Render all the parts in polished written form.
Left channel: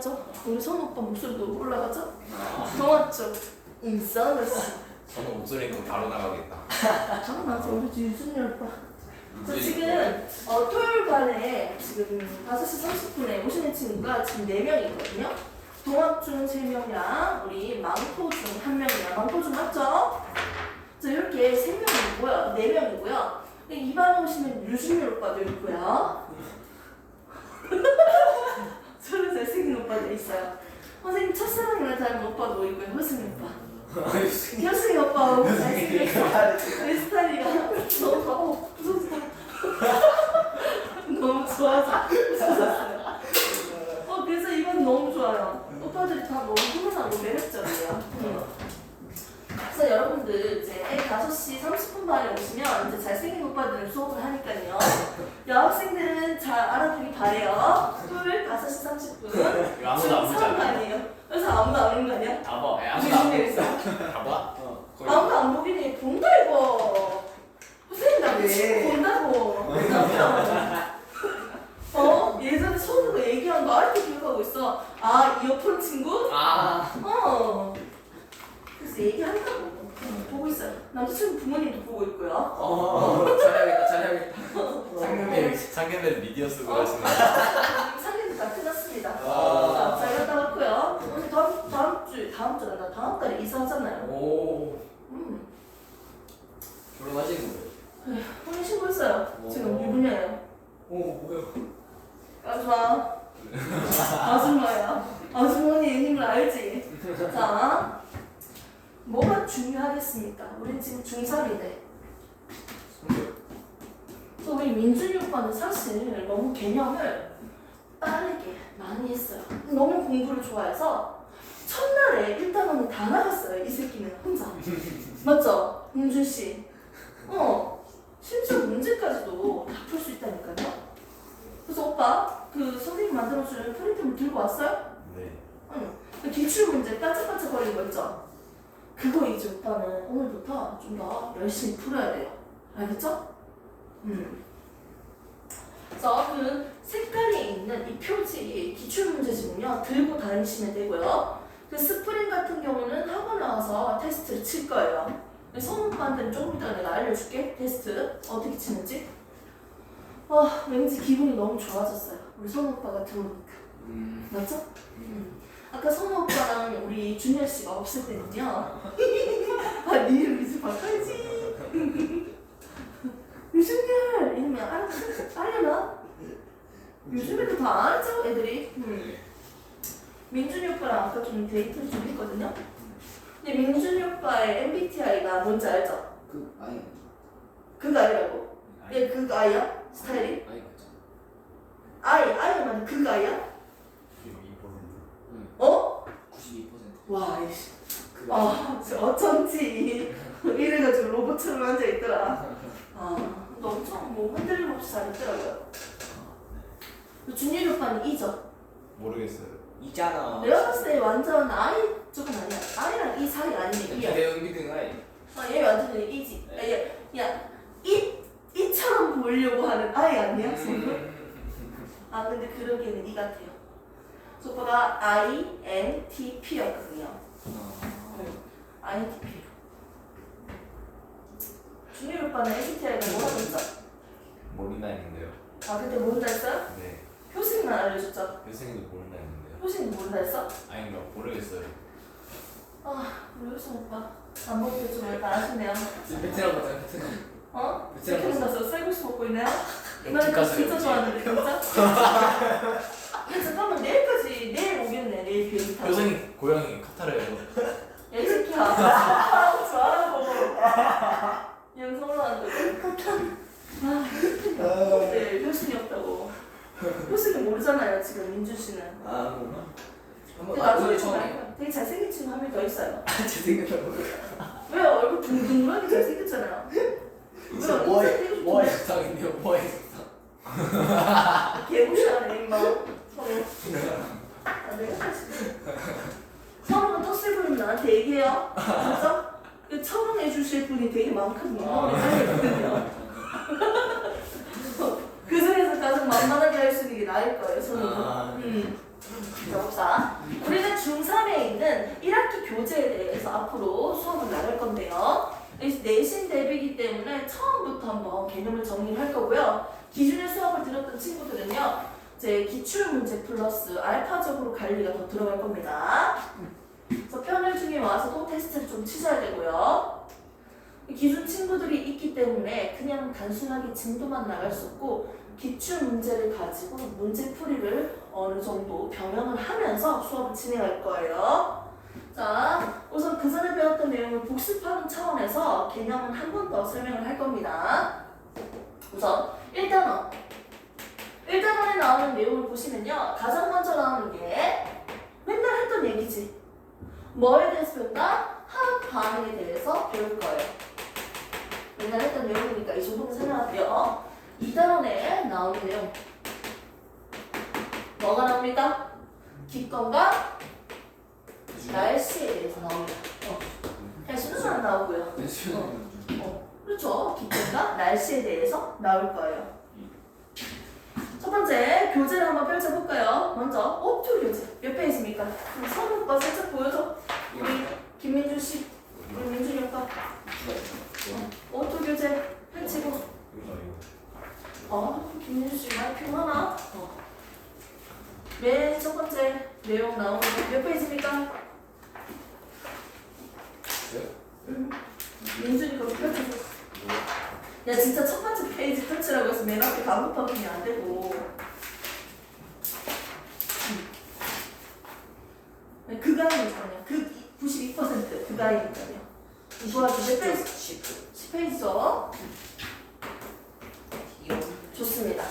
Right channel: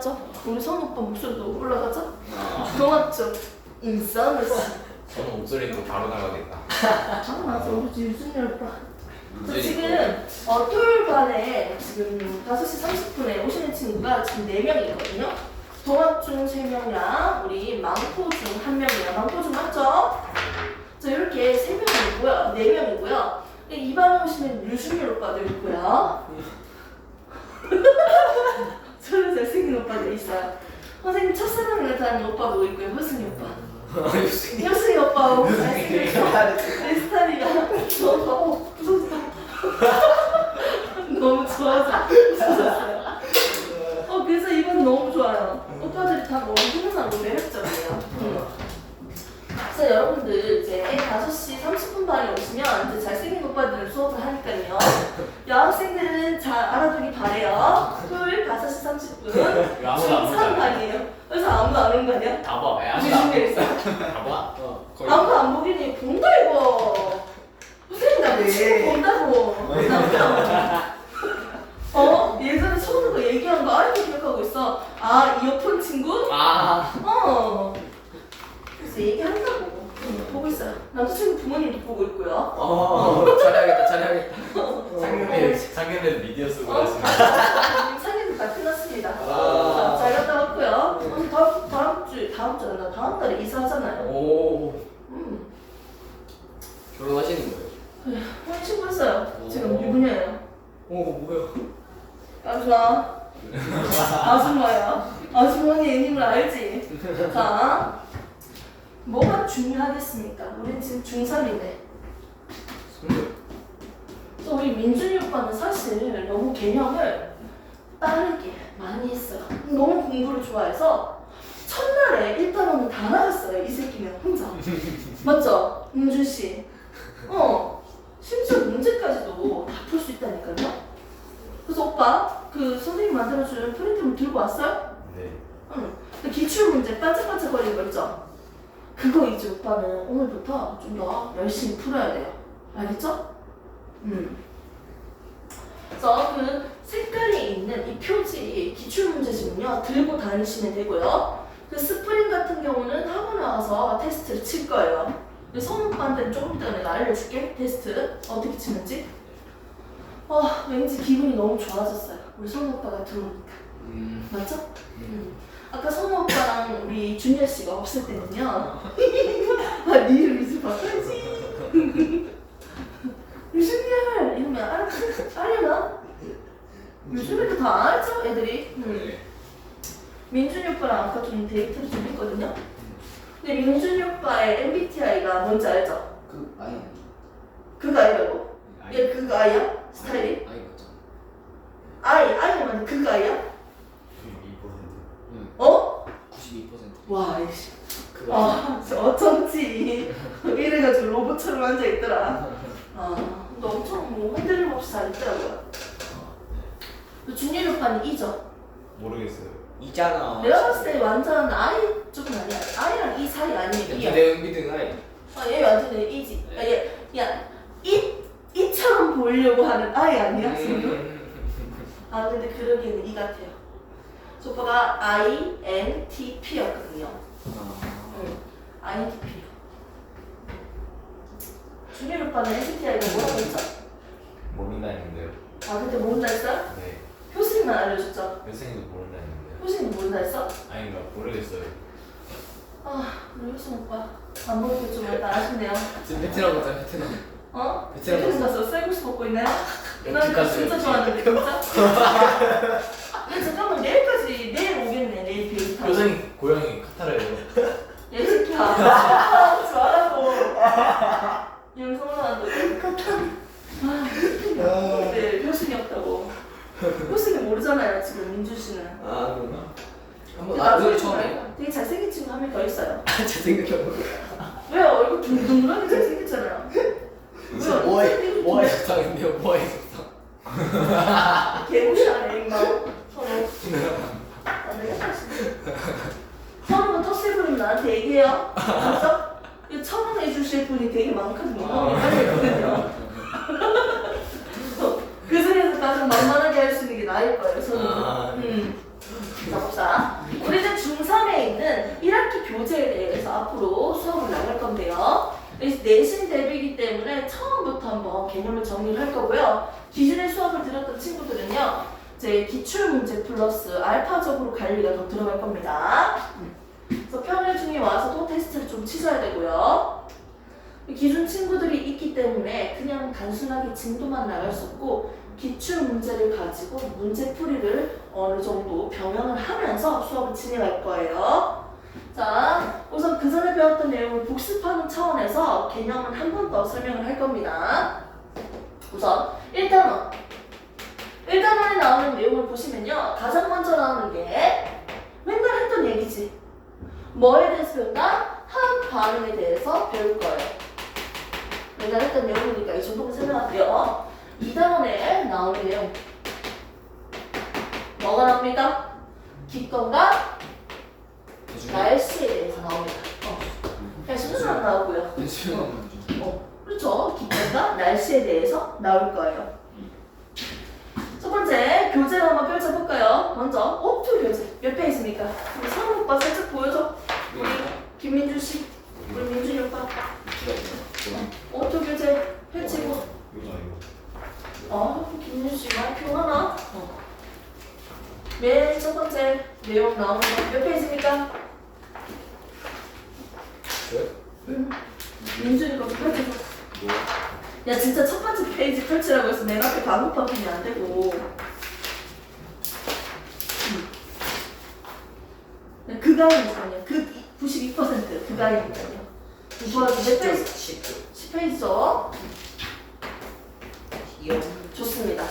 올라가죠? 우리 선 오빠 목소리도 올라가죠? 동학적 인싸너스. 저는 목소리 또 바로 나가겠다. 당연하죠. 우리 유준이 오빠. 저 지금 토요일 반에 지금 5시 30분에 오시는 친구가 지금 4명이거든요. 동학 중 3명이랑 우리 망포 중 1명이랑 망포 중 맞죠? 자 이렇게 3명이고요. 4명이고요. 이 반에 오시는 유준이 오빠도 있고요. 저는 잘생긴 오빠도 있어요. 선생님 첫사랑을 닮은 오빠도 있고요. 효승이 오빠. 효승이 오빠하고 잘생겼어. 내 스타일이가 너무 너무 좋아서 웃었어요. 그래서 이번 너무 좋아요. 오빠들이 다 너무 훈훈하고 매력적이에요. 그래서 여러분들 이제 5시 30분 반에 오시면 이제 잘생긴 오빠들은 수업을 하니까요. 여학생들은 잘 알아두기 바래요. 토요일 5시 30분 중3 반이에요. 그래서 아무도 안 오는 거 아니야? 다 봐. 다 봐? 아무도 안 보기니 본다 이거. 선생님 나 친구 본다고. 예전에 서울로 얘기한 거 아직도 기억하고 있어. 이어폰 친구? 그래서 얘기한다고. 보고 있어요. 남자친구 부모님도 보고 있고요. 잘해야겠다. 상견례 미디어 쓰고 하시는 상견례 다 끝났습니다. 잘 갔다 왔고요. 다음 달에 이사하잖아요. 결혼하시는 거예요? 혼인 신고했어요. 지금 유부녀예요. 뭐야? 아줌마야. 아주머니의 힘을 알지? 자, 뭐가 중요하겠습니까? 우린 지금 중3인데. 그래서 우리 민준이 오빠는 사실 너무 개념을 빠르게 많이 했어요. 너무 공부를 좋아해서 첫날에 1단원은 다 나갔어요. 이 새끼는 혼자. 맞죠? 민준 씨. 심지어 문제까지도 다 풀 수 있다니까요. 그래서 오빠 그 선생님 만들어준 프린트물 들고 왔어요? 네. 응. 근데 기출 문제 반짝반짝거리는 거 있죠? 그거 이제 오빠는 오늘부터 좀 더 열심히 풀어야 돼요. 알겠죠? 그래서 그 색깔이 있는 이 표지 기출 문제집은요 들고 다니시면 되고요. 그 스프링 같은 경우는 학원에 와서 테스트를 칠 거예요. 선 오빠한테는 조금 이따가 내가 알려줄게. 테스트 어떻게 치는지. 왠지 기분이 너무 좋아졌어요. 우리 선 오빠가 들어오니까. 맞죠? 아까 선 오빠랑 우리 준열 씨가 없을 때는요. 네 이름 이제 바꿔야지. 유준열 이러면 알려나? 요즘에도 다 알죠 애들이. 민준이 오빠랑 아까 좀 데이트를 좀 했거든요. 근데 민준이 오빠의 MBTI가 뭔지 알죠? 그거 아이라고? 얘 그거 아이야? 스타일이? 아이만 그거 아이야? 92%. 와 이씨. 어쩐지 이래가지고 로봇처럼 앉아있더라. 근데 엄청 뭐 흔들림 없이 잘했더라고요. 준일이 오빠는 E죠? 모르겠어요. 있잖아. 내가 봤을 때 완전 I 쪽은 아니야. I랑 E 사이 아니면 E야. 내가 은비등 아이. 얘 완전 E지. 이처럼 보이려고 하는 I 아니야? 지금? 근데 그러기에는 E 같아요. 저 오빠가 INTP였거든요. INTP. 준일 오빠는 MBTI가 뭐라고 했죠? 모른다 했는데요. 근데 모른다 했어요? 네. 효승이만 알려줬죠? 선생님도 모른다 했는데요. 효승이 모른다 했어? 아닌가 모르겠어요. 우리 효승 오빠 안 먹을 좀 약간 아쉽네요. 지금 베트남 갔잖아, 베트남. 베트남 가서 쌀국수 먹고 있나요? 나 이거 가서 진짜 좋아하는데 진짜? 잠깐만 내일 오겠네. 내일 비행기 타고. 교수님 고향이 카타르예요. 얘 새끼야. 좋아하고 영상을 하는데 네, 효승이 없다고. 효승이 모르잖아요 지금 민준 씨는. 근데 나중에 되게 잘생긴 친구 한 명 더 있어요. 제 생각에 왜요? 얼굴 둥둥하게 잘생겼잖아요. 왜요? 뭐 있었는데요? 뭐 있었어? 개무시하네 임마. 서로. 내가 사실 서로가 텃세 부리면 나한테 얘기해요. 알았어? 처방해 주실 분이 되게 많거든요. 알거든요. 그 중에서 가장 만만하게 할 수 있는 게 나일 거예요. 저는. 자 봅시다. 교재에 대해서 앞으로 수업을 나갈 건데요. 내신 대비이기 때문에 처음부터 한번 개념을 정리를 할 거고요. 기존의 수업을 들었던 친구들은요, 이제 기출문제 플러스 알파적으로 관리가 더 들어갈 겁니다. 그래서 평일 중에 와서도 테스트를 좀 치셔야 되고요. 기존 친구들이 있기 때문에 그냥 단순하게 진도만 나갈 수 없고 기출 문제를 가지고 문제 풀이를 어느 정도 병행을 하면서 수업을 진행할 거예요. 자, 우선 그 전에 배웠던 내용을 복습하는 차원에서 개념은 한 번 더 설명을 할 겁니다. 우선 1단원에 나오는 내용을 보시면요, 가장 먼저 나오는 게 맨날 했던 얘기지. 뭐에 대해서 배운다? 화학 반응에 대해서 배울 거예요. 맨날 했던 내용이니까 이 정도만 설명할게요. 2단원에 나오는 내용 뭐가 나옵니까? 기권과 날씨에 대해서 나옵니다. 날씨는 안 나오고요. 그렇죠. 기권과 날씨에 대해서 나올 거예요. 첫 번째 교재를 한번 펼쳐볼까요? 먼저 오프 교재 몇 페이지입니까? 우리 성우 오빠 살짝 보여줘. 우리 김민준 씨, 우리 민준이 오빠. 오프 교재 펼치고. 김민준 씨 많이 피곤하나? 맨 첫 번째 내용 나오는 거 몇 페이지입니까? 민준이 거 펼쳐줘. 야 진짜 첫 번째 페이지 펼치라고 해서 맨 앞에 반복하면 안 되고. 그가이니까요. 그 92% 그가이니까요. 좋아서 몇 페이지? 10페이지죠. 좋습니다.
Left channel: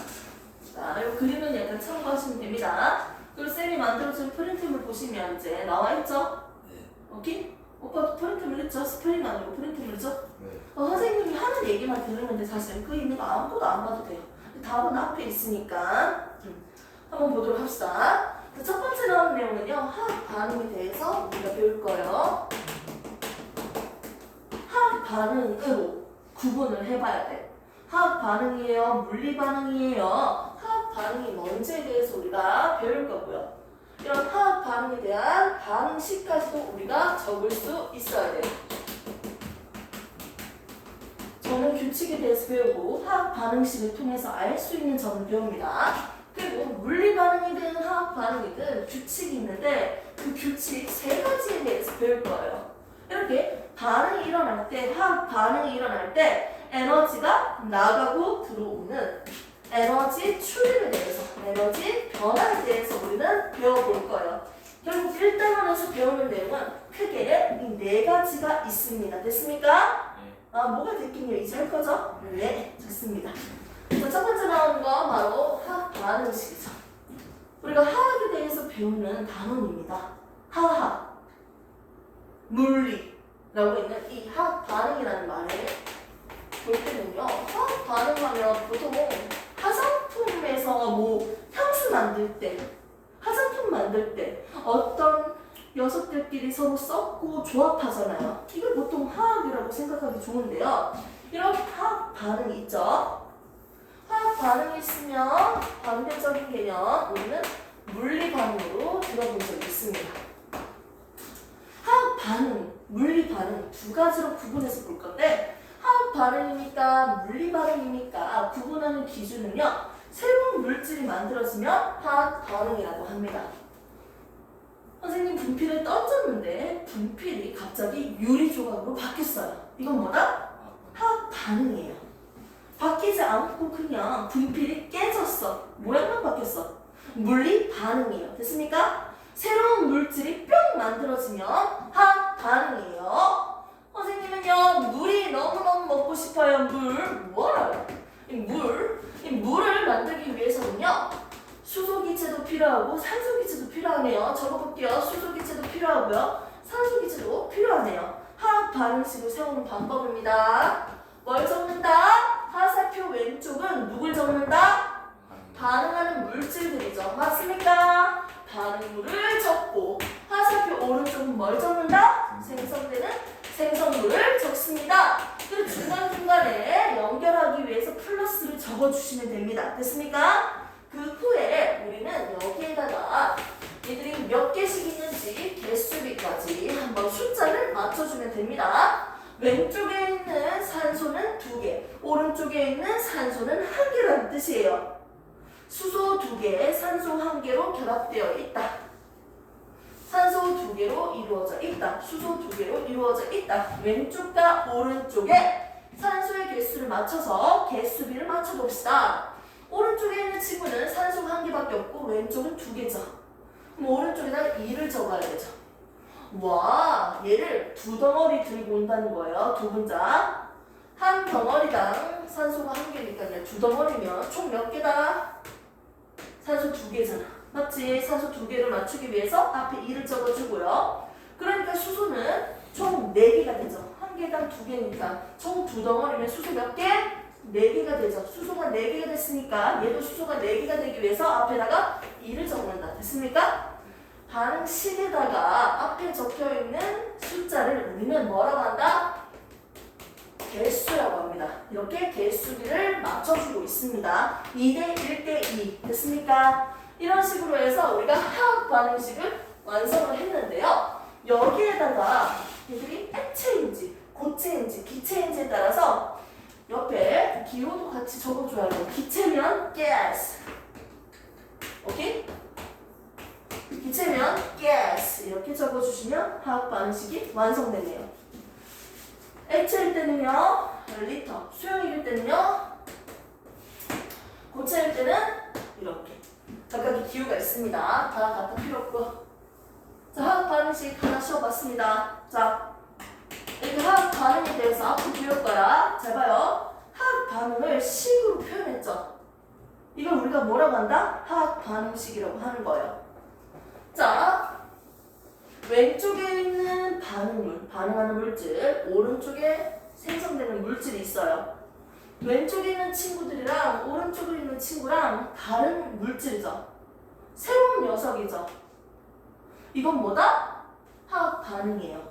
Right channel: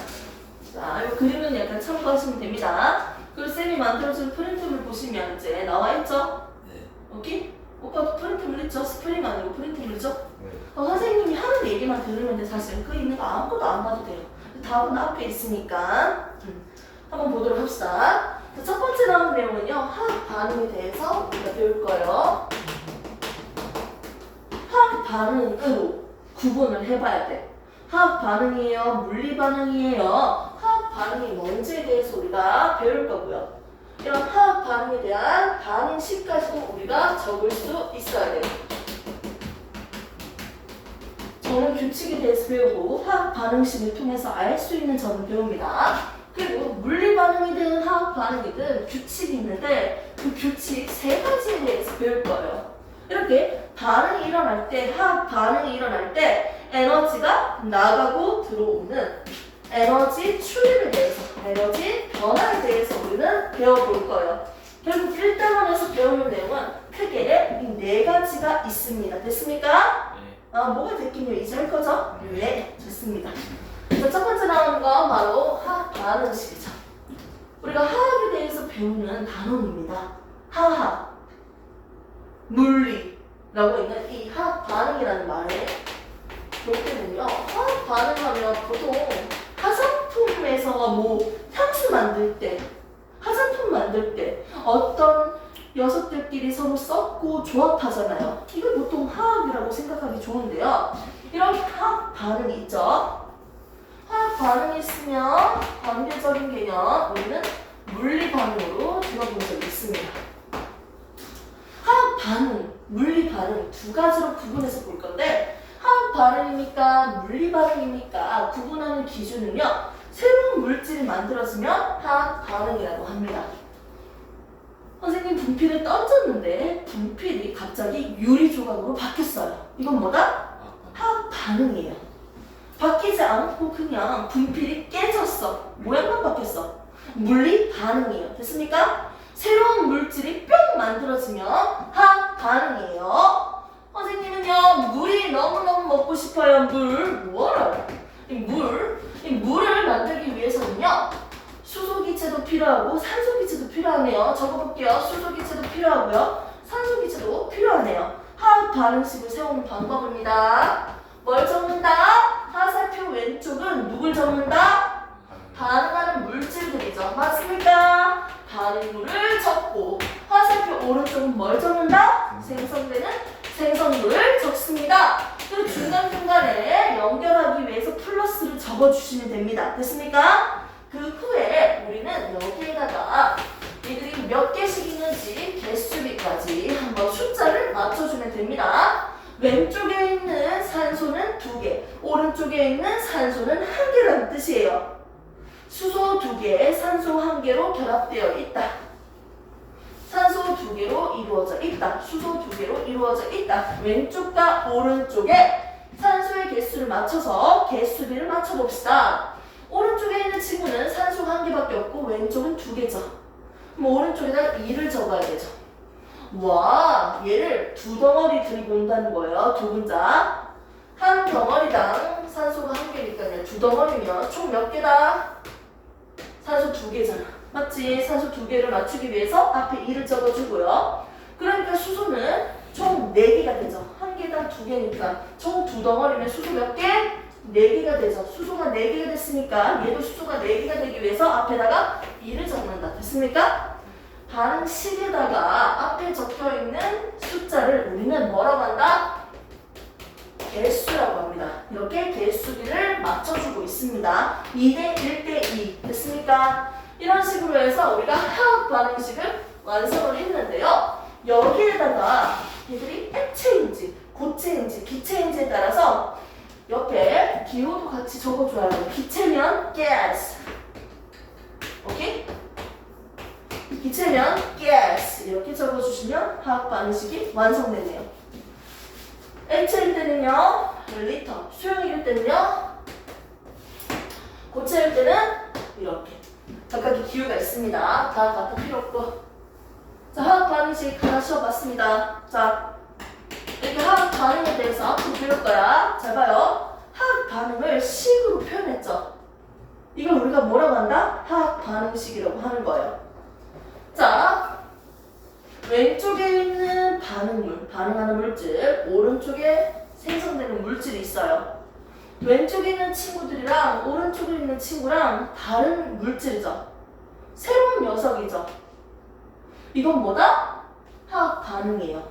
자, 이 그림은 약간 참고하시면 됩니다. 그리고 쌤이 만들어준 프린트를 보시면 이제 나와 있죠? 네. 오케이? 오빠도 프린트물 했죠? 스프링 아니고 프린트물이죠? 네. 선생님이 하는 얘기만 들으면 돼. 사실 그 있는 거 아무것도 안 봐도 돼요. 답은 앞에 있으니까 한번 보도록 합시다. 첫 번째 나오는 내용은요, 화학 반응에 대해서 우리가 배울 거예요. 화학 반응으로 구분을 해봐야 돼. 화학 반응이에요, 물리 반응이에요. 화학 반응이 뭔지에 대해서 우리가 배울 거고요. 이런 화학 반응에 대한 반응식까지도 우리가 적을 수 있어야 돼요. 저는 규칙에 대해서 배우고 화학 반응식을 통해서 알 수 있는 점을 배웁니다. 그리고 물리 반응이든 화학 반응이든 규칙이 있는데 그 규칙 3가지에 대해서 배울 거예요. 이렇게 반응이 일어날 때, 화학 반응이 일어날 때 에너지가 나가고 들어오는 에너지 출입에 대해서, 에너지 변화에 대해서 우리는 배워볼 거예요. 결국 1단원에서 배우는 내용은 크게 이 4가지가 있습니다. 됐습니까? 네. 뭐가 됐긴요? 이제 할 거죠? 네, 좋습니다. 자, 첫 번째 나오는 건 바로 화학 반응식이죠. 우리가 화학에 대해서 배우는 단원입니다. 화학, 물리라고 있는 이 화학 반응이라는 말에 볼 때는요, 화학 반응하면 보통 화장품에서 향수 만들 때, 화장품 만들 때 어떤 녀석들끼리 서로 섞고 조합하잖아요. 이걸 보통 화학이라고 생각하기 좋은데요. 이런 화학 반응이 있죠. 화학 반응이 있으면 반대적인 개념, 우리는 물리 반응으로 들어본 적이 있습니다. 화학 반응, 물리 반응 2가지로 구분해서 볼 건데 화학 반응입니까? 물리 반응입니까? 구분하는 기준은요, 새로운 물질이 만들어지면 화학 반응이라고 합니다. 선생님 분필을 던졌는데 분필이 갑자기 유리 조각으로 바뀌었어요. 이건 뭐다? 화학 반응이에요. 바뀌지 않고 그냥 분필이 깨졌어. 모양만 바뀌었어. 물리 반응이에요. 됐습니까? 새로운 물질이 뿅 만들어지면 화학 반응이에요. 선생님은요, 물이 너무너무 먹고 싶어요. 뭐라요? 이 물을 만들기 위해서는요, 수소기체도 필요하고 산소기체도 필요하네요. 적어볼게요. 수소기체도 필요하고요, 산소기체도 필요하네요. 화학 반응식을 세우는 방법입니다. 뭘 적는다? 화살표 왼쪽은 누굴 적는다? 반응하는 물질들이죠. 맞습니까? 반응물을 적고 화살표 오른쪽은 뭘 적는다? 생성되는 생성물을 적습니다. 그리고 중간중간에 연결하기 위해서 플러스를 적어주시면 됩니다. 됐습니까? 그 후에 우리는 여기에다가 이들이 몇 개씩 있는지 개수비까지 한번 적어주면 됩니다. 왼쪽에 있는 산소는 2개, 오른쪽에 있는 산소는 1개라는 뜻이에요. 수소 2개, 산소 1개로 결합되어 있다. 산소 2개로 이루어져 있다. 수소 2개로 이루어져 있다. 왼쪽과 오른쪽에 산소의 개수를 맞춰서 개수비를 맞춰봅시다. 오른쪽에 있는 친구는 산소가 1개밖에 없고 왼쪽은 2개죠. 그럼 오른쪽에다가 2를 적어야 되죠. 와, 얘를 2덩어리 들고 온다는 거예요. 두 분자. 한 덩어리당 산소가 1개니까요. 2덩어리면 총 몇 개다? 산소 2개잖아. 맞지? 산소 2개를 맞추기 위해서 앞에 2를 적어주고요. 그러니까 수소는 총 4개가 되죠. 1개당 2개니까 총 2덩어리면 수소 몇 개? 4개가 되죠. 수소가 4개가 됐으니까 얘도 수소가 4개가 되기 위해서 앞에다가 2를 적는다. 됐습니까? 반응식에다가 앞에 적혀있는 숫자를 우리는 뭐라고 한다? 개수라고 합니다. 이렇게 개수비를 맞춰주고 있습니다. 2대 1대 2 됐습니까? 이런 식으로 해서 우리가 화학 반응식을 완성을 했는데요. 여기에다가 얘들이 액체인지 고체인지 기체인지에 따라서 옆에 기호도 같이 적어줘야 돼요. 기체면 gas, 오케이? 기체면 gas 이렇게 적어주시면 화학 반응식이 완성되네요. 액체일 때는요 리터, 수용일 때는요, 고체일 때는 이렇게 각각의 기호가 있습니다. 다 같은 필요 없고. 자, 화학 반응식 하나 씌워봤습니다. 자, 이렇게 화학 반응에 대해서 앞으로 배울 거야. 잘 봐요. 화학 반응을 식으로 표현했죠. 이걸 우리가 뭐라고 한다? 화학 반응식이라고 하는 거예요. 자, 왼쪽에 있는 반응물, 반응하는 물질, 오른쪽에 생성되는 물질이 있어요. 왼쪽에 있는 친구들이랑 오른쪽에 있는 친구랑 다른 물질이죠. 새로운 녀석이죠. 이건 뭐다? 화학 반응이에요.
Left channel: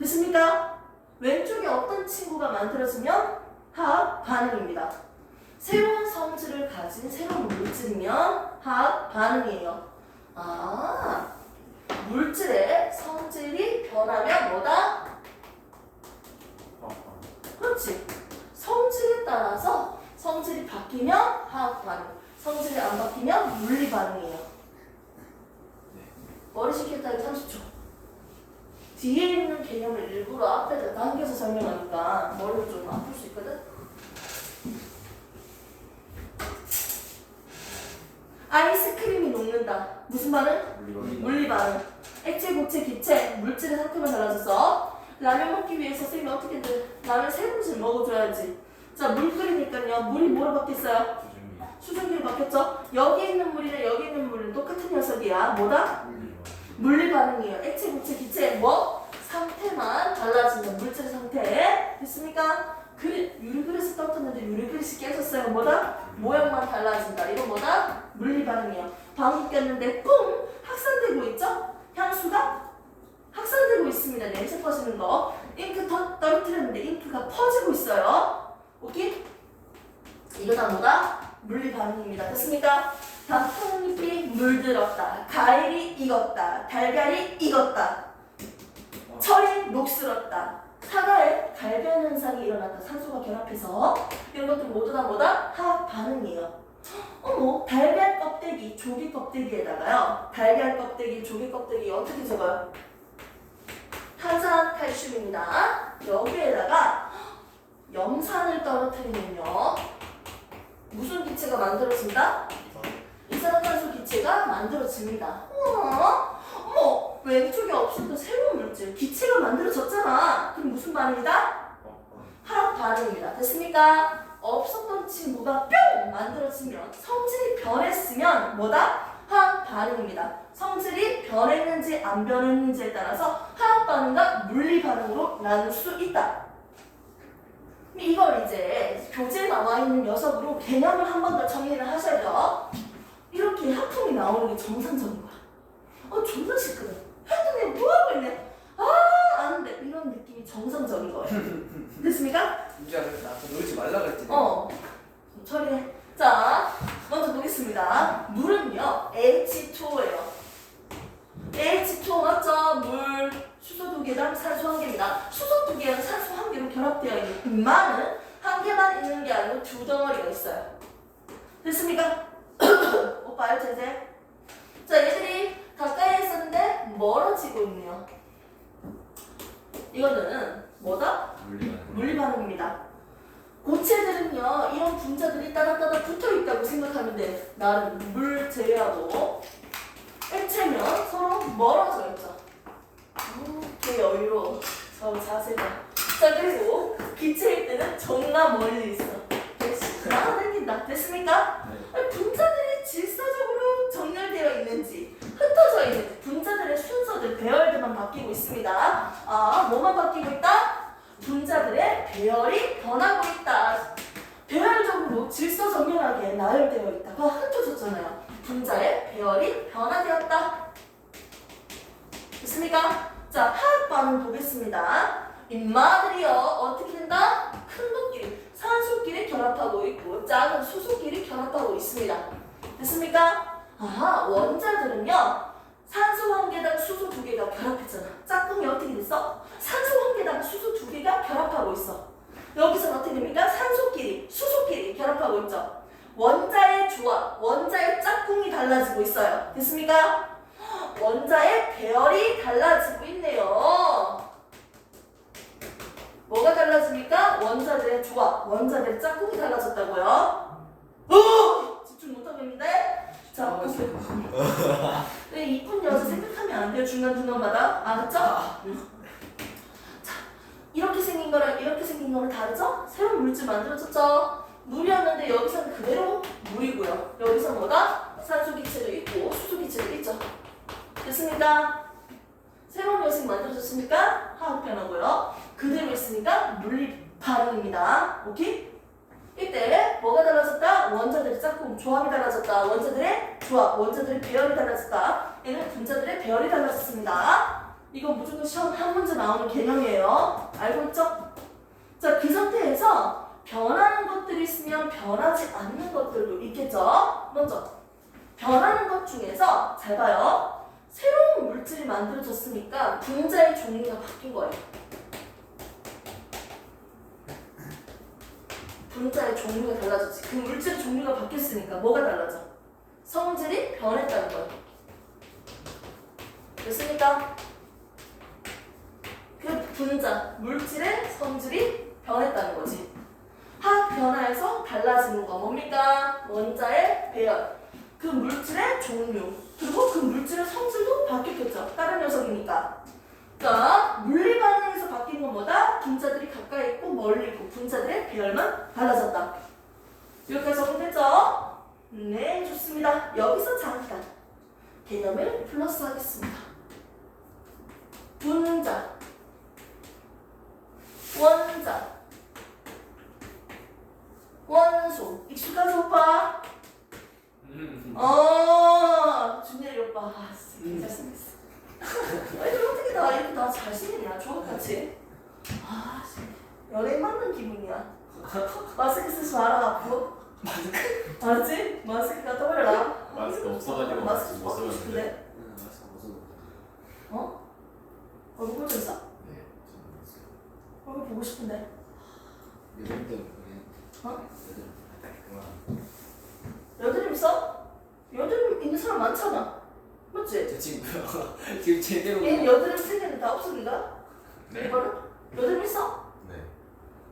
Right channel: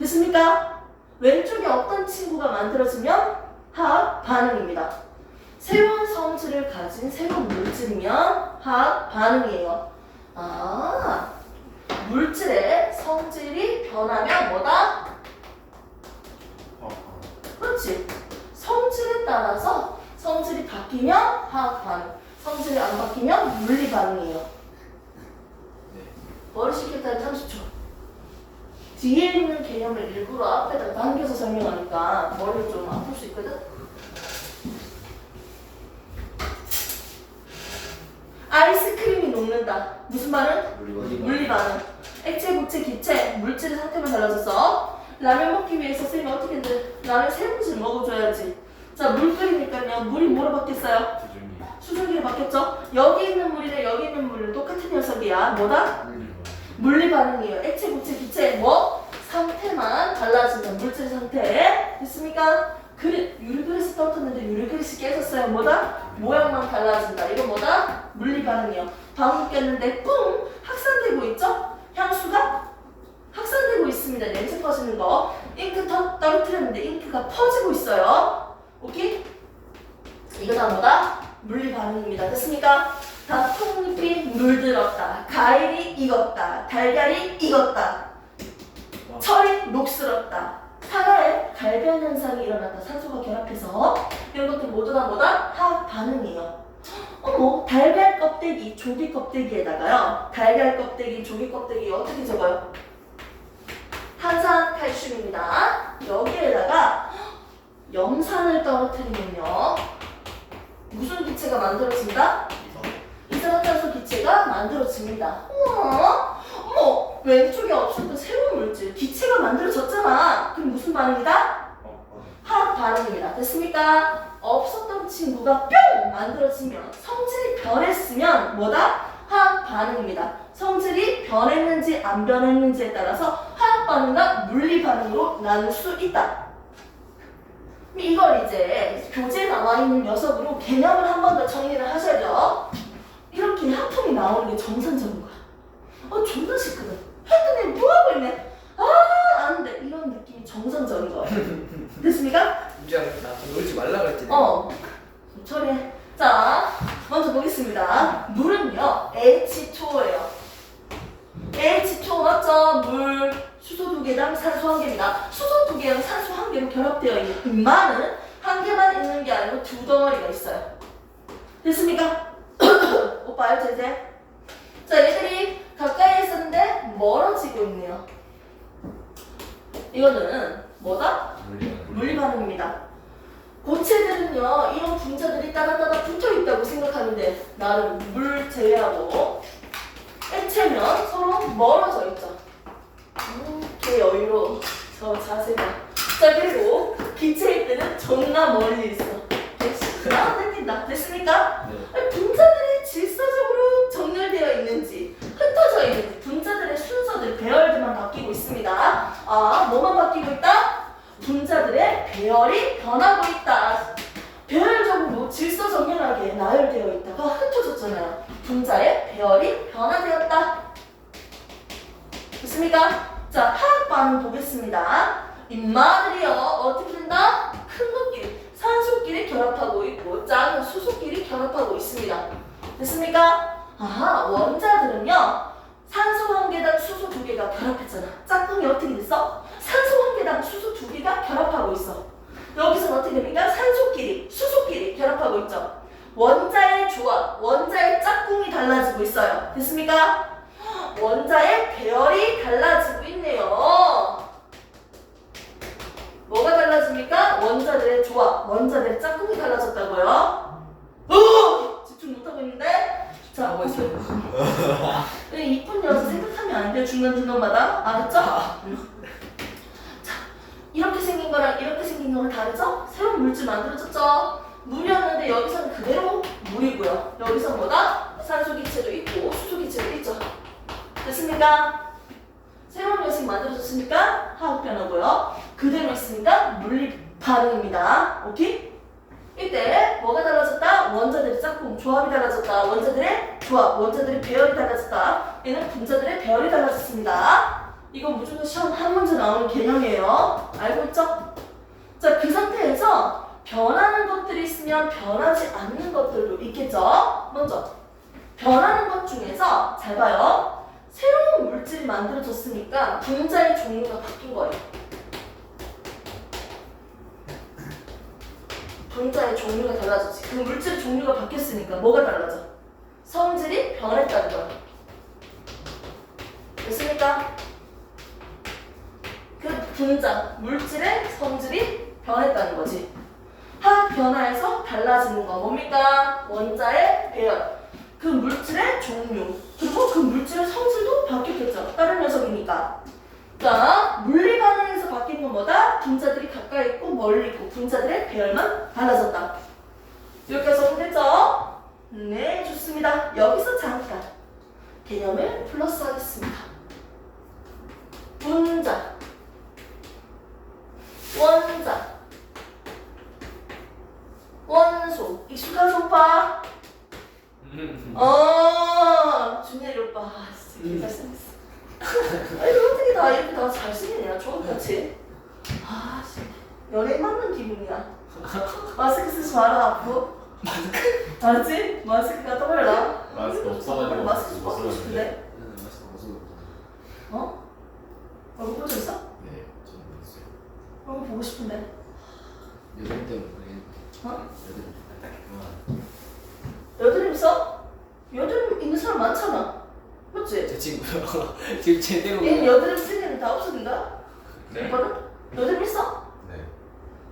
됐습니까? 왼쪽에 어떤 친구가 만들어지면 화학 반응입니다. 새로운 성질을 가진 새로운 물질이면 화학 반응이에요. 아, 물질의 성질이 변하면 뭐다? 그렇지. 성질에 따라서 성질이 바뀌면 화학 반응, 성질이 안 바뀌면 물리 반응이에요. 네. 머리 식겠다는 30초. 뒤에 있는 개념을 일부러 앞에다 당겨서 설명하니까 머리를 좀 아플 수 있거든. 아이스크림이 녹는다. 무슨 반응? 물리 반응. 액체, 고체, 기체, 물질의 상태만 달라져서 라면 먹기 위해서 선생님이 어떻게 돼? 라면 세 번씩 먹어줘야지. 자, 물 끓이니까요. 물이 뭐로 바뀌었어요? 수증기로 바뀌었죠? 여기 있는 물이랑 여기 있는 물은 똑같은 녀석이야. 뭐다? 물리 반응이에요. 액체, 고체, 기체 뭐? 상태만 달라지는 물질 상태. 됐습니까? 유리그릇이 떨어졌는데 유리그릇이 깨졌어요. 뭐다? 모양만 달라진다. 이거 뭐다? 물리 반응이에요. 방울 꼈는데 뿡! 확산되고 있죠? 향수가 확산되고 있습니다. 냄새 퍼지는 거. 잉크 떨어뜨렸는데 잉크가 퍼지고 있어요. 오케이? 이거 다 뭐다? 물리 반응입니다. 됐습니까? 다 콩잎이 물들었다. 과일이 익었다. 달걀이 익었다. 철이 녹슬었다. 사과에 갈변 현상이 일어났다. 산소가 결합해서 이런 것들 모두 다 뭐다? 화학 반응이에요. 어머, 달걀 껍데기, 조개 껍데기에다가요. 달걀 껍데기, 조개 껍데기 어떻게 적어요? 탄산칼슘입니다. 여기에다가 염산을 떨어뜨리면요. 무슨 기체가 만들어진다? 이산화탄소 기체가 만들어집니다. 우와, 어머, 왼쪽에 없었던 새로운 물질, 기체가 만들어졌잖아. 그럼 무슨 반응이다? 화학 반응입니다. 됐습니까? 없었던 친구가 뿅 만들어지면 성질이 변했으면 뭐다? 화학 반응입니다. 성질이 변했는지 안 변했는지에 따라서 화학 반응과 물리 반응으로 나눌 수 있다. 이걸 이제 교재에 나와 있는 녀석으로 개념을 한 번 더 정리를 하셔야죠. 이렇게 하품이 나오는 게 정상적인 거야. 존나 싫거든. 했더니 뭐하고 있네. 안 돼. 이런 느낌이 정상적인 거예요. 됐습니까? 미안합니다. 놀지 말라 그랬지. 처리해. 자, 먼저 보겠습니다. 물은요, H2O예요. H2O 맞죠? 물, 수소 2개 개당 산소 1개입니다. 수소 2개랑 산소 1개로 결합되어 있는 금만은 1개만 있는 게 아니고 2덩어리가 있어요. 됐습니까? 오빠 알죠 이제? 자, 얘들이 가까이 있었는데 멀어지고 있네요. 이거는 뭐다? 물리 반응입니다. 고체들은요, 이런 분자들이 따다따다 붙어 있다고 생각하면 돼. 나는 물 제외하고 액체면 서로 멀어져 있죠. 개 여유로워. 저 자세가. 자, 그리고 기체일 때는 존나 멀리 있어. 나아다닌다. 됐습니까? 네. 분자들이 질서적으로 정렬되어 있는지 흩어져 있는지 분자들의 순서들 배열들만 바뀌고 있습니다. 아, 뭐만 바뀌고 있다? 분자들의 배열이 변하고 있다. 배열적으로 질서 정렬하게 나열되어 있다가 흩어졌잖아요. 분자의 배열이 변화되었다. 됐습니까? 자, 화학 반응 보겠습니다. 인마들이요, 어떻게 된다? 큰 놈끼리, 산소끼리 결합하고 있고 작은 수소끼리 결합하고 있습니다. 됐습니까? 아하, 원자들은요, 산소 1개당 수소 2개가 결합했잖아. 짝꿍이 어떻게 됐어? 산소 1개당 수소 2개가 결합하고 있어. 여기서는 어떻게 됩니까? 산소끼리, 수소끼리 결합하고 있죠. 원자의 조합, 원자의 짝꿍이 달라지고 있어요. 됐습니까? 원자의 배열이 달라지고 있네요. 뭐가 달라집니까? 원자들의 조합, 원자들의 짝꿍이 달라졌다고요? 집중 못하고 있는데? 자, 보세요. 네, 이쁜 여자 생각하면 안 돼요. 중간중간마다. 알았죠? 자, 이렇게 생긴 거랑 이렇게 생긴 거랑 다르죠? 새로운 물질 만들어졌죠? 물이었는데 여기서는 그대로 물이고요. 여기서 뭐다? 산소 기체도 있고 수소 기체도 있죠. 됐습니까? 새로운 녀석이 만들어졌으니까 화학 변화고요. 그대로 있으니까 물리 반응입니다. 오케이? 이때 뭐가 달라졌다? 원자들의 짝꿍, 조합이 달라졌다. 원자들의 조합, 원자들의 배열이 달라졌다. 얘는 분자들의 배열이 달라졌습니다. 이거 무조건 시험 한 문제 나오는 개념이에요. 알고 있죠? 자, 그 상태에서 변하는 것들이 있으면 변하지 않는 것들도 있겠죠? 먼저 변하는 것 중에서 잘 봐요. 새로운 물질이 만들어졌으니까 분자의 종류가 바뀐 거예요. 분자의 종류가 달라졌지. 그 물질의 종류가 바뀌었으니까 뭐가 달라져? 성질이 변했다는 거예요. 됐습니까? 그 분자, 물질의 성질이 변했다는 거지. 화학 변화에서 달라지는 건 뭡니까? 원자의 배열, 그 물질의 종류, 그리고 그 물질의 성질도 바뀌었겠죠. 다른 녀석이니까. 자, 물리 반응에서 바뀐 건 뭐다? 분자들이 가까이 있고 멀리 있고 분자들의 배열만 달라졌다. 이렇게 정리됐죠? 네, 좋습니다. 여기서 잠깐 개념을 플러스 하겠습니다. 분자, 원자, 원소. 익숙하죠, 오빠? 준열이 오빠. 아, 진짜 잘생겼어. 아니, 어떻게 다 이렇게 다 잘생기냐? 저같이. 아, 진짜. 연예인 맞는 기분이야. 마스크 쓰지 마라, 앞으로. 알았지? 마스크가 떠올라. 마스크 없어가지고 마스크 못 벗고 쓰는데. 싶은데. 어? 얼굴 보고 있어? 네, 저는 있어요. 얼굴 보고 싶은데. 여름 때문에. 어? 여름 딱 그만. 여드름 있어? 여드름 있는 사람 많잖아. 맞지? 제 친구요. 지금 제대로 얘는 여드름 생기는 다 없어진다? 네? 오빠는? 여드름 있어? 네.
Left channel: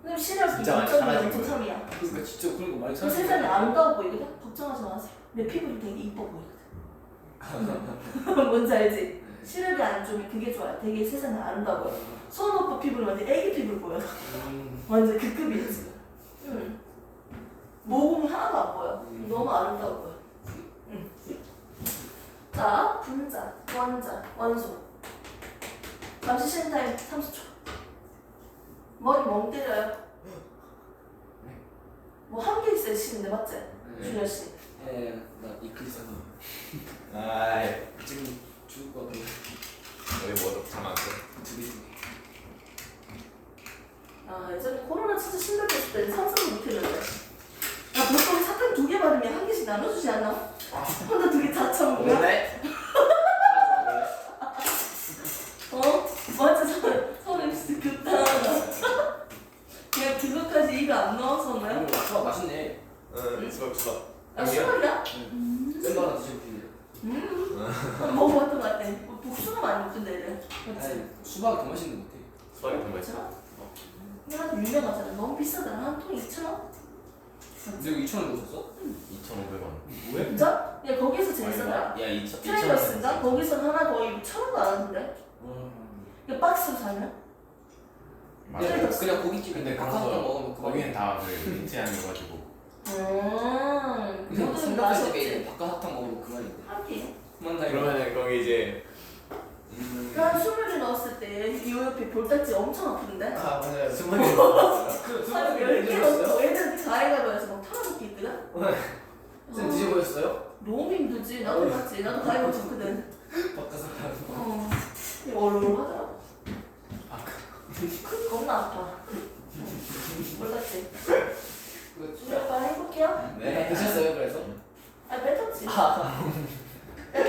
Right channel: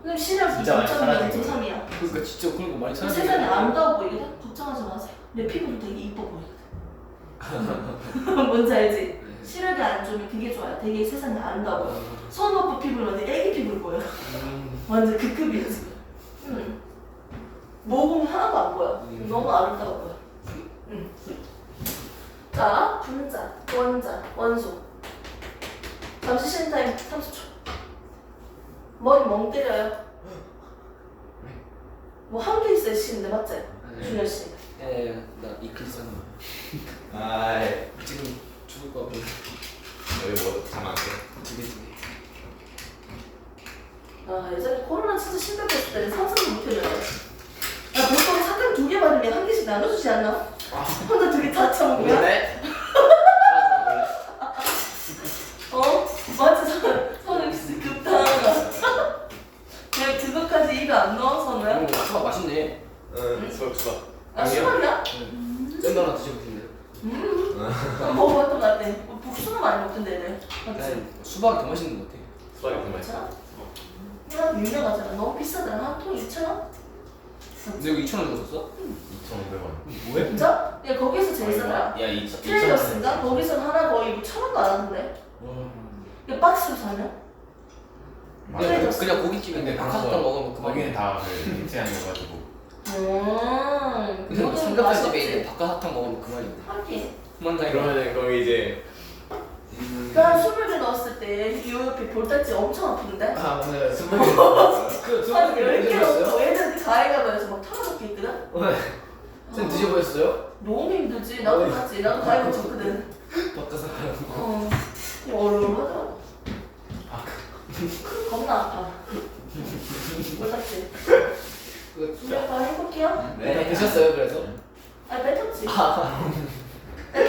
그럼 신혈 진짜 많이 2.2야, 사라진 2.3이야. 그러니까 진짜 그런 거 많이 그 세상에 아름다워 보이거든? 걱정하지 마세요. 내 피부도 되게 이뻐 보이거든. 뭔지 알지? 네. 시력이 안 좋으면 그게 좋아요. 되게 세상에 아름다워 보여. 손 오빠 피부는 완전 애기 피부를 보여. 완전 그 급이야 지금. 응. 모공 하나도 안 보여. 너무 아름다워 보여. 응. 자, 분자, 원자, 원소. 잠시 쉬는 타임 30초. 머리 멍 때려요. 뭐 한 개 있어야 쉬는데 맞지? 준현 씨. 예, 나 이클선 아이. 지금 죽을 거 같아. 여기 뭐 잠안 돼? 두 개. 아, 예전에 코로나 쳐서 심각했을 때는 상상도 못했는데. 나 보통 사탕 2개 받으면 한 개씩 나눠주지 않나? 혼자 2개 다 처먹으면? 네? 어? 맞지? 돼. 복숭아 많이 먹던데 얘네. 맞지? 난 수박이 더 맛있는 것 같아. 수박이 더 맛있어. 이거 유명하잖아. 너무 비싸잖아. 한 통 2,000원? 근데 이거 2,000원 주고 샀어? 2,500원. 뭐야? 진짜? 야 거기서 제일 싸더라. 야 2,000원. 트레이더스인가? 거기서 하나 거의 1,000원도 안 하던데. 이거 박스로 사면? 트레이더스. 그냥 고깃집에 근데 박하사탕 먹으면 거기는 그만이야. 다그 민트향이어가지고. 그냥 삼겹살 집에 있는 맛있지. 박하사탕 먹으면 그만인데. 하긴. 그만 다 그러면은 거기 이제 그냥 스물을 넣었을 때 이 옆에 볼딱지 엄청 아프던데? 아 맞아요. 스물이 그 한 스물이 10개 드셨어요? 넣고 애들 가위가위에서 막 털어놓게 있거든? 쌤 드셔보셨어요? 너무 힘들지. 나도 봤지. 나도 가위바위보 졌거든. 박하사탕. 이거 얼얼하더라고. 겁나 아파. 몰랐지? 준비할까 해볼게요? 네. 드셨어요 그래서? 아 뱉었지.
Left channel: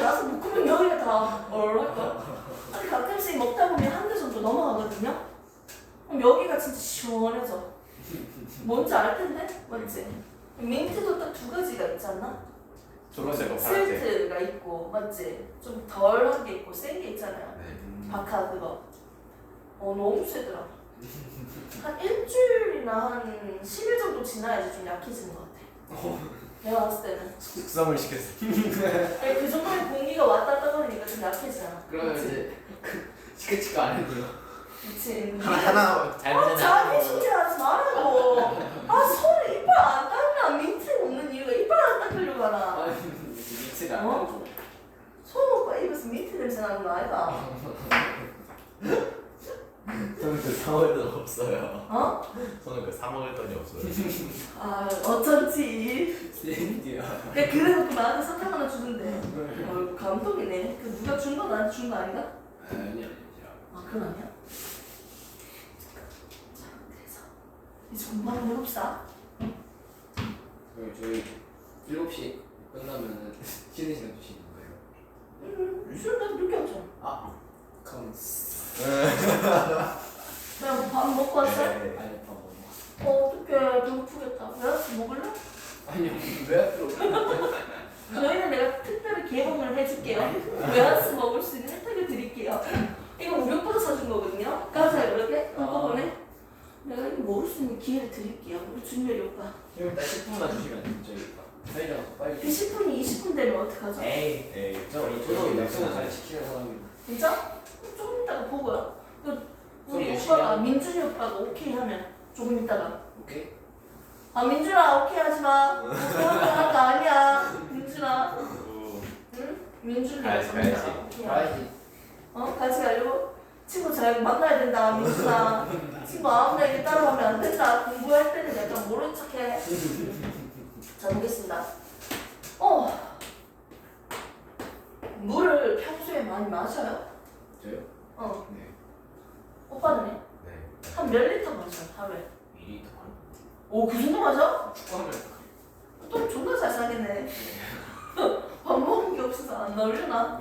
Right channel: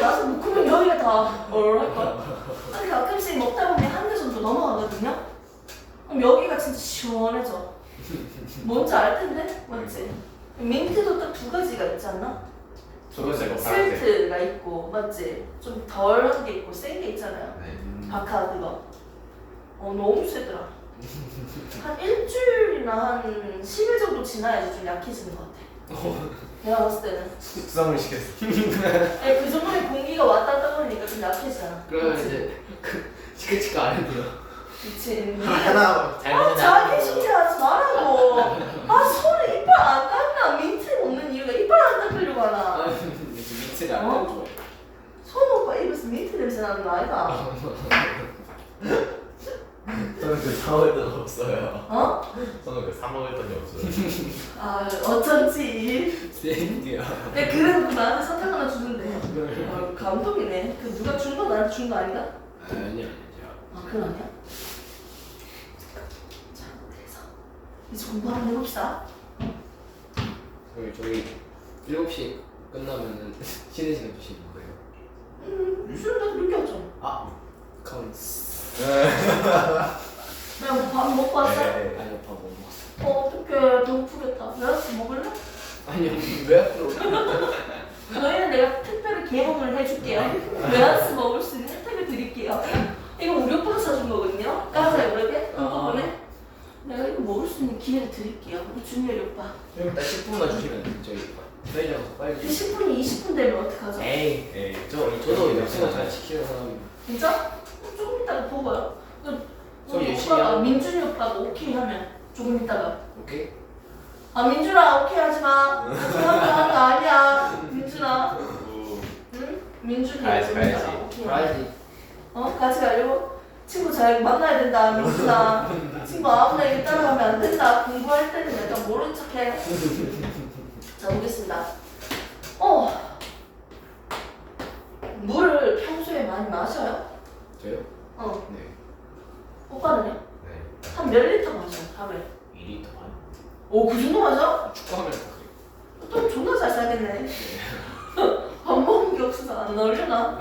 나서 묶으면 여기가 다 얼얼할걸? 아니 가끔씩 먹다 보면 한 개 정도 넘어가거든요? 그럼 여기가 진짜 시원해져. 뭔지 알 텐데? 맞지? 민트도 딱 두 가지가 있지 않나? 저거 제가 스위트가 있고 맞지? 좀 덜한 게 있고 센 게 있잖아요. 네. 바카 그거. 너무 세더라. 한 일주일이나 한 10일 정도 지나야지 좀 약해지는 것 같아. 내가 봤을 때는. 수산물 시켰어. 아니, 그 정도의 공기가 왔다 갔다 거리니까 좀 약해지잖아. 그러면 그치? 이제 치크치크 안 해도요. 그치. 하나 자기 신기하지 말라고. 손에 이빨 안 닦나? 민트 먹는 이유가 이빨 안 닦으려고 하나? 민트를 안 어? 좋아해. 손 오빠 입에서 민트 냄새 나는 거 아이가? 저는 그 사먹을 돈 없어요. 어? 저는 그 사먹을 돈이 없어요. 어쩐지. 샌드야. 야, 그래놓고 나한테 사탕 하나 주는데. 감동이네. 그 누가 준 거 나한테 준 거 아닌가? 아니야. 그건 아니야? 자, 그래서 이제 공부 한번 해봅시다. 그럼 저희 7시 끝나면은 쉬는 시간 주시는 거예요? 쉬는 날도 늦게 왔잖아. 아, 카운스. 그냥 밥 먹고 왔어? 네. 아니요, 밥 못 먹었어. 어떡해, 배고프겠다. 외아씨 먹을래? 아니요, 왜 앞으로? 저희는 내가 특별히 개봉을 해줄게요. 외아씨 먹을 수 있는 혜택을 드릴게요. 이거 우리 오빠가 사준 거거든요. 까사요, 그렇게? 한꺼번에. 내가 이거 먹을 수 있는 기회를 드릴게요. 우리 준열이 오빠. 좀 이따 10분만 주시면 저희가 빨리. 그 10분이 20분 되면 어떡하죠? 에이, 저도 약속을 잘 지키는 사람이에요. 진짜? 조금 이따가 보고요. 그럼 우리 열심히 오빠가, 하고. 민준이 오빠가 오케이 하면 조금 이따가. 오케이? 민준아 오케이 하지 마. 오케이 하면 하는 거 아니야. 민준아. 응? 민준이 가야지, 오케이 가야지. 하면. 가야지. 같이 가려고? 친구 잘 만나야 된다, 민준아. 친구 아무나 일 따라가면 안 된다. 공부할 때는 약간 모른 척해. 자, 보겠습니다. 물을 평소에 많이 마셔요? 저요? 네. 오빠는요? 네. 한 몇 리터 마셔요, 하루에? 2리터 반? 그 정도 마셔? 축구하면 다 그래요. 또 존나 잘 사겠네. 밥 먹은 게 없어서 안 나오려나?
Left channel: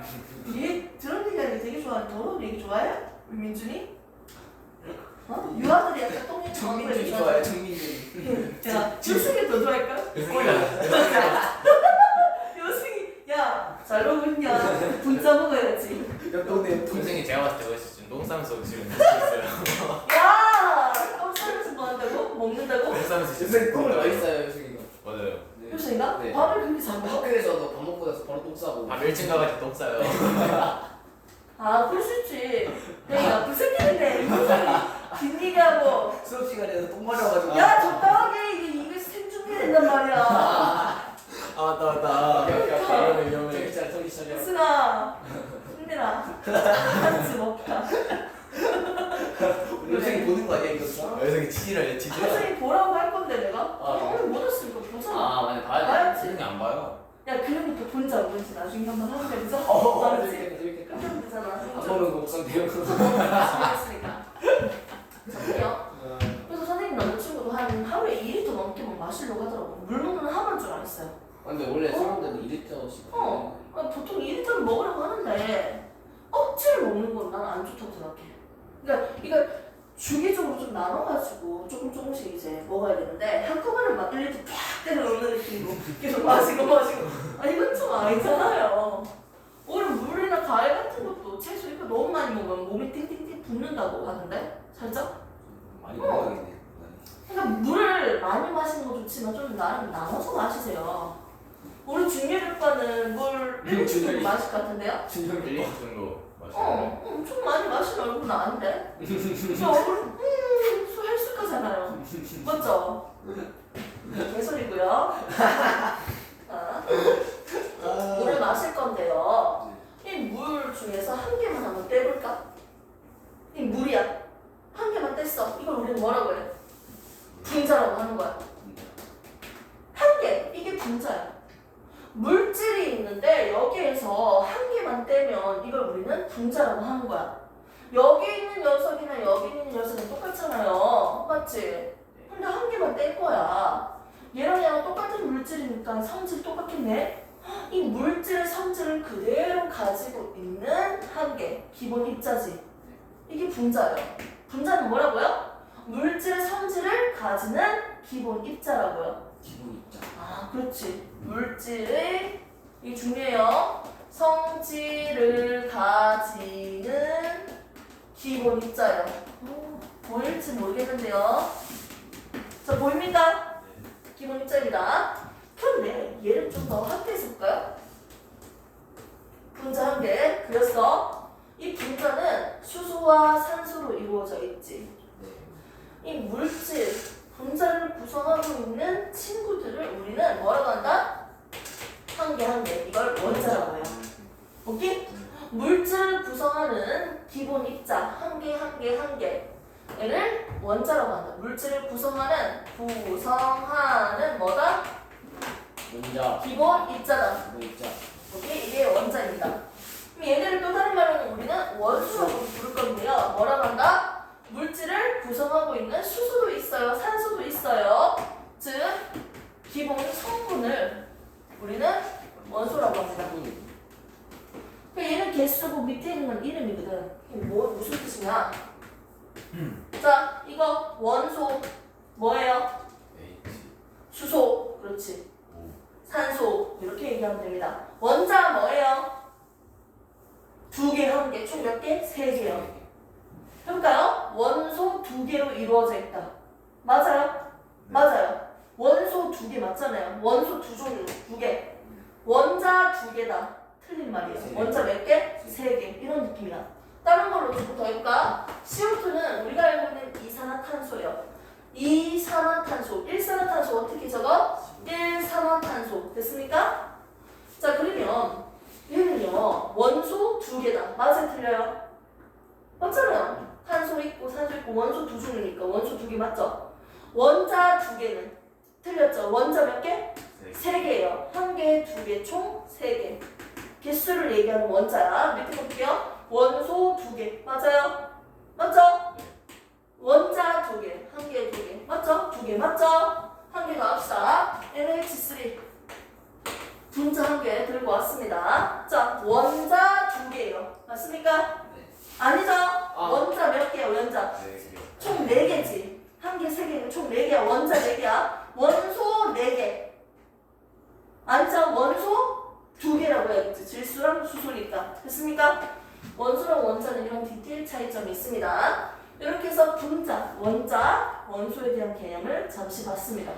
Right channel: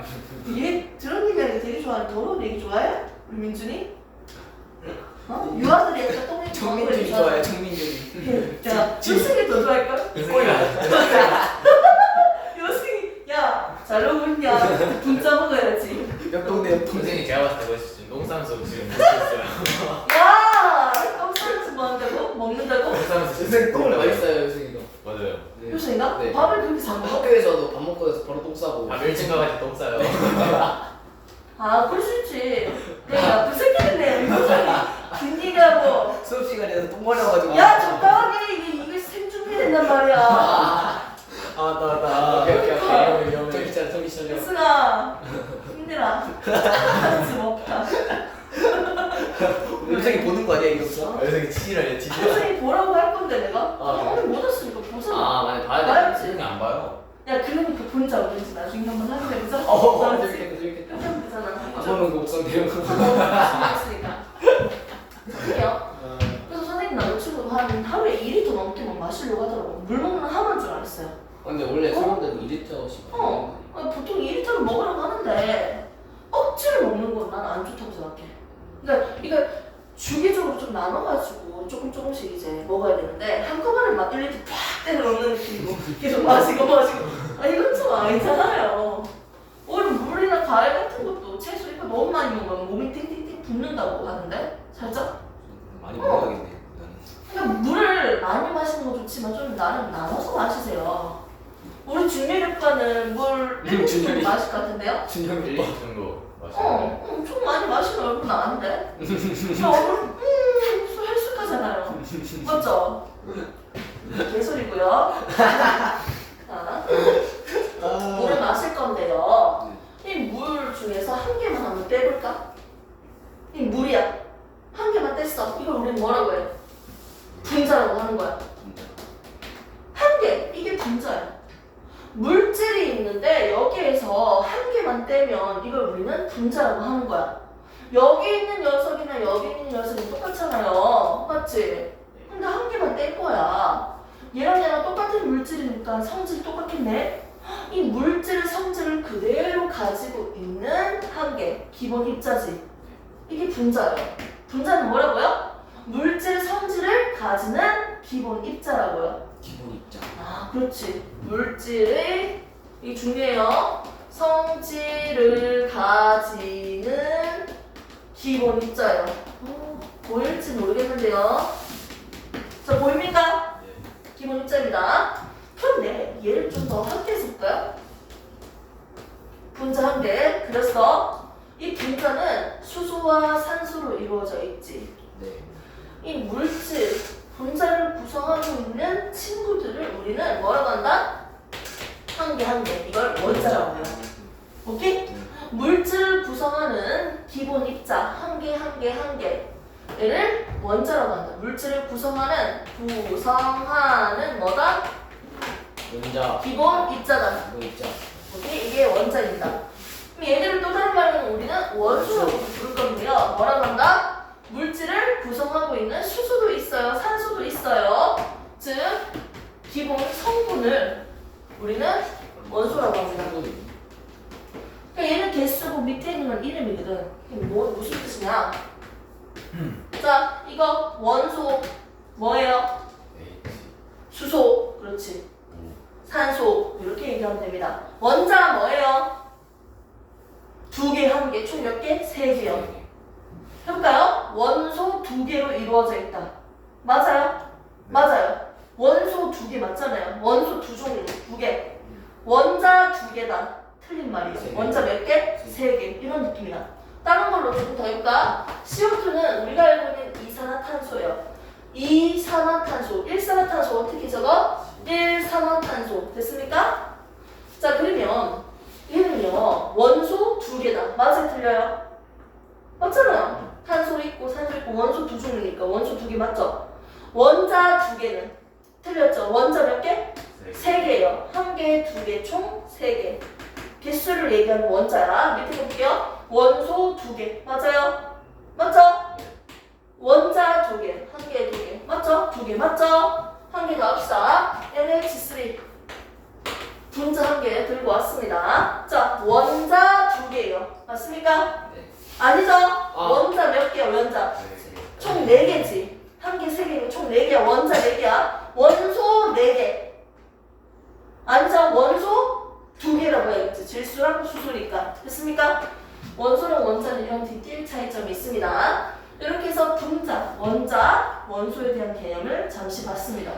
얘 저런 얘기하는 거 되게 좋아하는 더러운 얘기 좋아해? 우리 민준이? 유아들이 약간 똥 얘기 정민준이 좋아요, 정민준이. 야, 요승이 더 좋아할걸? 요승이, 야, 잘 놀고 있냐? 분짜 먹어야지. 옆동네 동생이 제가 봤을 때 멋있어. 지금 똥 싸면서 지금 먹었어요. 야! 깜짝이야, 뭐 한다고? 먹는다고? 똥 싸면서 요새 똥 맛있어요, 요새가. 맞아요. 네. 요승이가? 네. 밥을 그렇게 잘 먹어? 학교에서도 밥 먹고 나서 바로 똥 싸고. 밀짚 가가지고 똥 싸요. 그럴 수 있지. 내가 그 새끼들네. 균이가 뭐. 수업 시간에도 똥 마려가지고. 야, 적당하게 이거 생중해야 된단 말이야. 나. 오케이. 정신 차려. 요승아, 힘내라. 같이 먹자. 요새 보는 거 아니야, 이거? 여성이 치질하네 치질. 선생님 보라고 할 건데 내가? 네. 못 왔으니까 보자. 맞네, 봐야 봐야지. 여성이 안 봐요. 야, 그러니까 본자 오든지 나중에 한번 하면 되자. 재밌겠다, 재밌겠다. 하면 되잖아. 안 보면 그 옥상 대요. 재밌으니까. 자, 볼게요. 그래서 선생님 남자친구가 한 하루에 2리터 넘게 막 마시려고 하더라고. 물 먹는 하루인 줄 알았어요. 근데 원래 사람들은 2리터씩. 보통 2리터를 먹으라고 하는데 억지로 먹는 건 난 안 좋다고 생각해. 그러니까 이거 주기적으로 좀 나눠가지고 조금씩 이제 먹어야 되는데 한꺼번에 막 1리터 팍 때려 넣는 느낌으로 계속 마시고. 이건 좀 아니잖아요. 오히려 물이나 과일 같은 것도 너무 많이 먹으면 몸이 팅팅팅 붓는다고 하는데 살짝? 많이 먹어야겠네. 그러니까 물을 많이 마시는 거 좋지만 좀 나눠서 마시세요. 우리 준열이과는 물 1리터 준열이. 마실 것 같은데요? 준영이 1, 2 정도 마시는데 엄청 많이 마시면 얼굴 나은데? 저 얼굴 헬스하잖아요. 맞죠? 개소리고요. 자, 물을 마실 건데요. 이 물 중에서 한 개만 한번 떼볼까? 이 물이야. 한 개만 뗐어. 이걸 우리는 뭐라고 해? 분자라고 하는 거야. 한 개. 이게 분자야. 물질이 있는데 여기에서 한 개만 떼면 이걸 우리는 분자라고 하는 거야. 여기 있는 녀석이나 여기 있는 녀석은 똑같잖아요. 맞지? 근데 한 개만 뗄 거야. 얘랑 똑같은 물질이니까 성질이 똑같겠네. 이 물질의 성질을 그대로 가지고 있는 한 개. 기본 입자지. 이게 분자예요. 분자는 뭐라고요? 물질의 성질을 가지는 기본 입자라고요. 기본 입장. 아, 그렇지. 물질의 이 중요해요. 성질을 가지는 기본 입자예요. 보일지 모르겠는데요. 자, 보입니까? 기본 입자입니다. 그런데 얘를 좀 더 확대해서 볼까요? 분자 한 개. 그래서 이 분자는 수소와 산소로 이루어져 있지. 네. 이 물질, 분자를 구성하고 있는 친구들을 우리는 뭐라고 한다? 한 개 한 개. 이걸 원자라고 해요. 오케이? 물질을 구성하는 기본 입자 한 개 한 개 한 개. 얘를 원자라고 한다. 물질을 구성하는 뭐다? 원자. 기본 입자다. 기본 입장. 오케이? 이게 원자입니다. 그럼 얘네를 또 다른 말로는 우리는 원소라고 부를 건데요. 뭐라고 한다? 물질을 구성하고 있는 수소도 있어요. 산소도 있어요. 즉 기본 성분을 우리는 원소라고 합니다. 그러니까 얘는 개수고 밑에 있는 건 이름이거든. 이게 무슨 뜻이냐? 자, 이거 원소 뭐예요? 수소. 그렇지. 산소. 이렇게 얘기하면 됩니다. 원자 뭐예요? 두 개, 한 개, 총 몇 개? 세 개요. 해볼까요? 원소 두 개로 이루어져 있다. 맞아요? 맞아요. 원소 두 개 맞잖아요. 원소 두 종류, 두 개. 원자 두 개다. 틀린 말이에요. 원자 몇 개? 세 개. 이런 느낌이다. 다른 걸로 조금 더 해볼까? CO2는 우리가 알고 있는 이산화탄소예요. 이산화탄소. 일산화탄소 어떻게 적어? 일산화탄소. 됐습니까? 자, 그러면 얘는요. 원소 두 개다. 맞아요? 틀려요? 맞잖아요. 탄소 있고 산소 있고 원소 두 종류니까 원소 두 개 맞죠? 원자 두 개는 틀렸죠? 원자 몇 개? 세 개예요. 한 개, 두 개, 총 세 개. 개수를 얘기하는 원자야. 밑에 볼게요. 원소 두 개. 맞아요? 맞죠? 원자 두 개. 한 개, 두 개. 맞죠? 두 개 맞죠? 한 개 더 합시다. NH3. 분자 한 개 들고 왔습니다. 자, 원자 두 개예요. 맞습니까? 네. 아니죠? 원자 몇 개야, 원자? 총 4개지. 한 개, 세 개면 총 4개야. 원자 4개야. 원소 4개. 아니죠? 원소 2개라고 해야겠지. 질소랑 수소니까. 됐습니까? 원소랑 원자는 이런 디테일 차이점이 있습니다. 이렇게 해서 분자, 원자, 원소에 대한 개념을 잠시 봤습니다.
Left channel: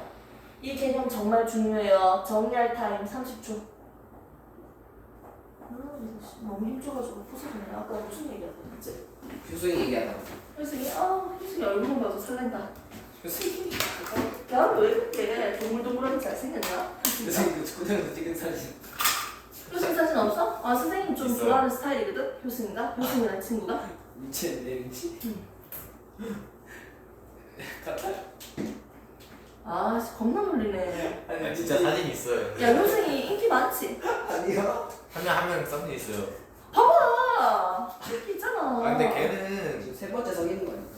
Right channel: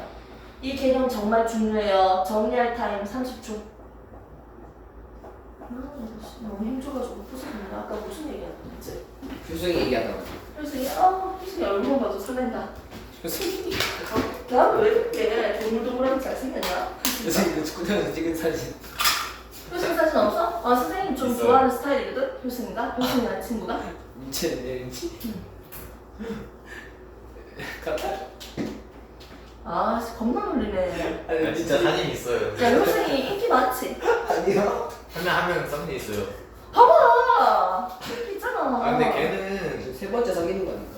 이 개념 정말 중요해요. 정리할 타임 30초. 너무 힘줘가지고 푸석이네. 아까 무슨 얘기했지? 효승이 얘기하다가. 효승이 얼굴만 봐도 설렌다. 나는 왜 그렇게 동글동글하게 잘생겼나? 효승이도 축구장에서 찍은 사진. 효승 사진 없어? 아, 선생님 좀 있어요. 좋아하는 스타일이거든? 효승이가? 효승이라는 친구가? 민채는 민채. 아, 겁나 놀리네. 야, 진짜 사진 있어요. 야, 효승이 인기 많지? 아니요. 한 명 사진 있어요. 봐봐! 인기 있잖아. 아 근데 걔는 세 번째 사귀는 거 아닌가?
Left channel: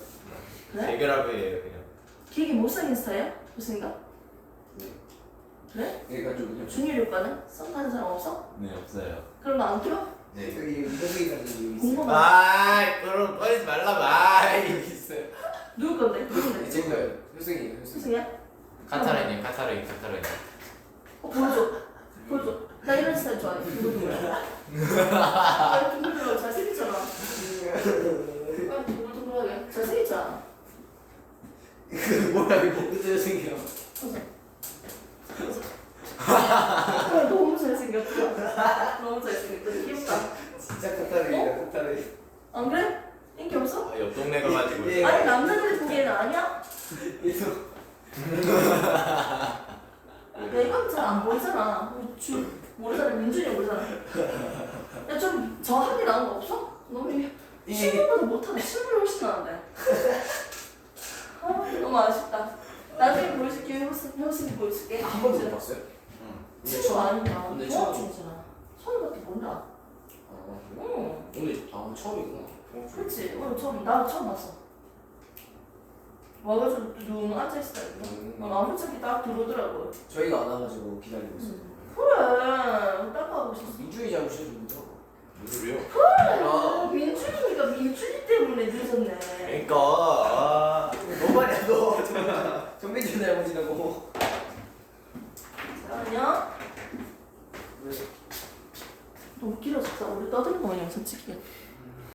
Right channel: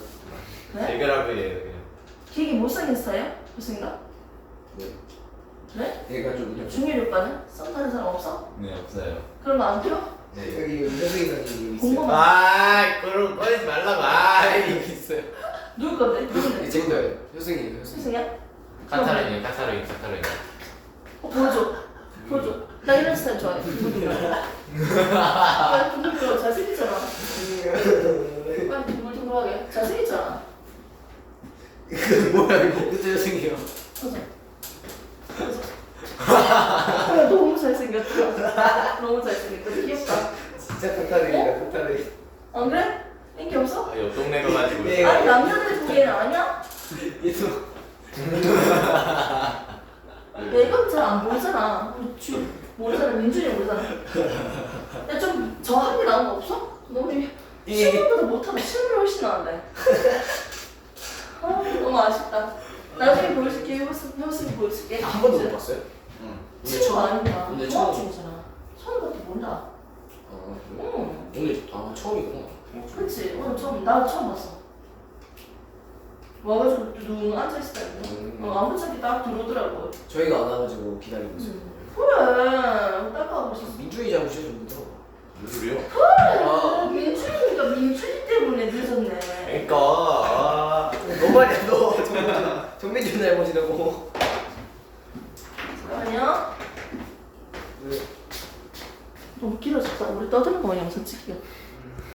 그래? 대결합이에요 그냥. 되게 못생긴 스타일이야? 효승이가? 네. 그래? 얘가 좀 그냥. 중일이 오빠는? 썸 타는 사람 없어? 네 없어요. 그럼 너 안 필요? 네. 여기 효승이가 여기 있어요. 궁금한 그럼 꺼내지 말라고. 여기 있어요. 누구 건데? 누군데? 제 거예요. 효승이에요. 효승이. 효승이야? 카타르인. 보여줘. 보여줘. 나 이런 스타일 좋아해. 두근두근. 나 두근두근 잘생겼잖아. 빨리 둥글둥글하게. 잘생겼잖아. 뭐야 이거 그때 여생이야. 너무 잘생겼다. 너무 잘생겼다. 귀엽다. 진짜 끝다리야 끝다리. 안 그래? 인기 없어? 아, 옆 동네 가가지고. 예. 아니 남자들 보기에는 아니야? 얘도 내가 잘 안 보이잖아. 우리 주 모르잖아. 민준이 모르잖아. 야 좀 저한게 나온 거 없어? 너무 실물보다 못하다. 실물이 훨씬 나은데. 아 너무 아쉽다. 나중에 보여줄게. 형수님 보여줄게. 한 번도 못 봤어요? 친구 아니야. 오늘 종합 처음. 중이잖아. 선우밖에 몰라. 응. 오늘 처음이구나. 그렇지. 오늘 처음 나 처음 봤어. 와가지고 누구 앉아 있었다니까. 아무 차기 딱 들어오더라고. 저희가 안 와가지고 기다리고 있어요. 그래. 따라가고 있었어. 민준이 잘못이어서 못 들어가. 무슨 소리요? 아, 민준이가 민준이 때문에 늦었네. 그러니까. 아. 너 말이야 너. 정민준 잘못이라고. 잠깐만요. 왜? 너무 길어졌다. 우리 떠드는 거 영상 찍기가.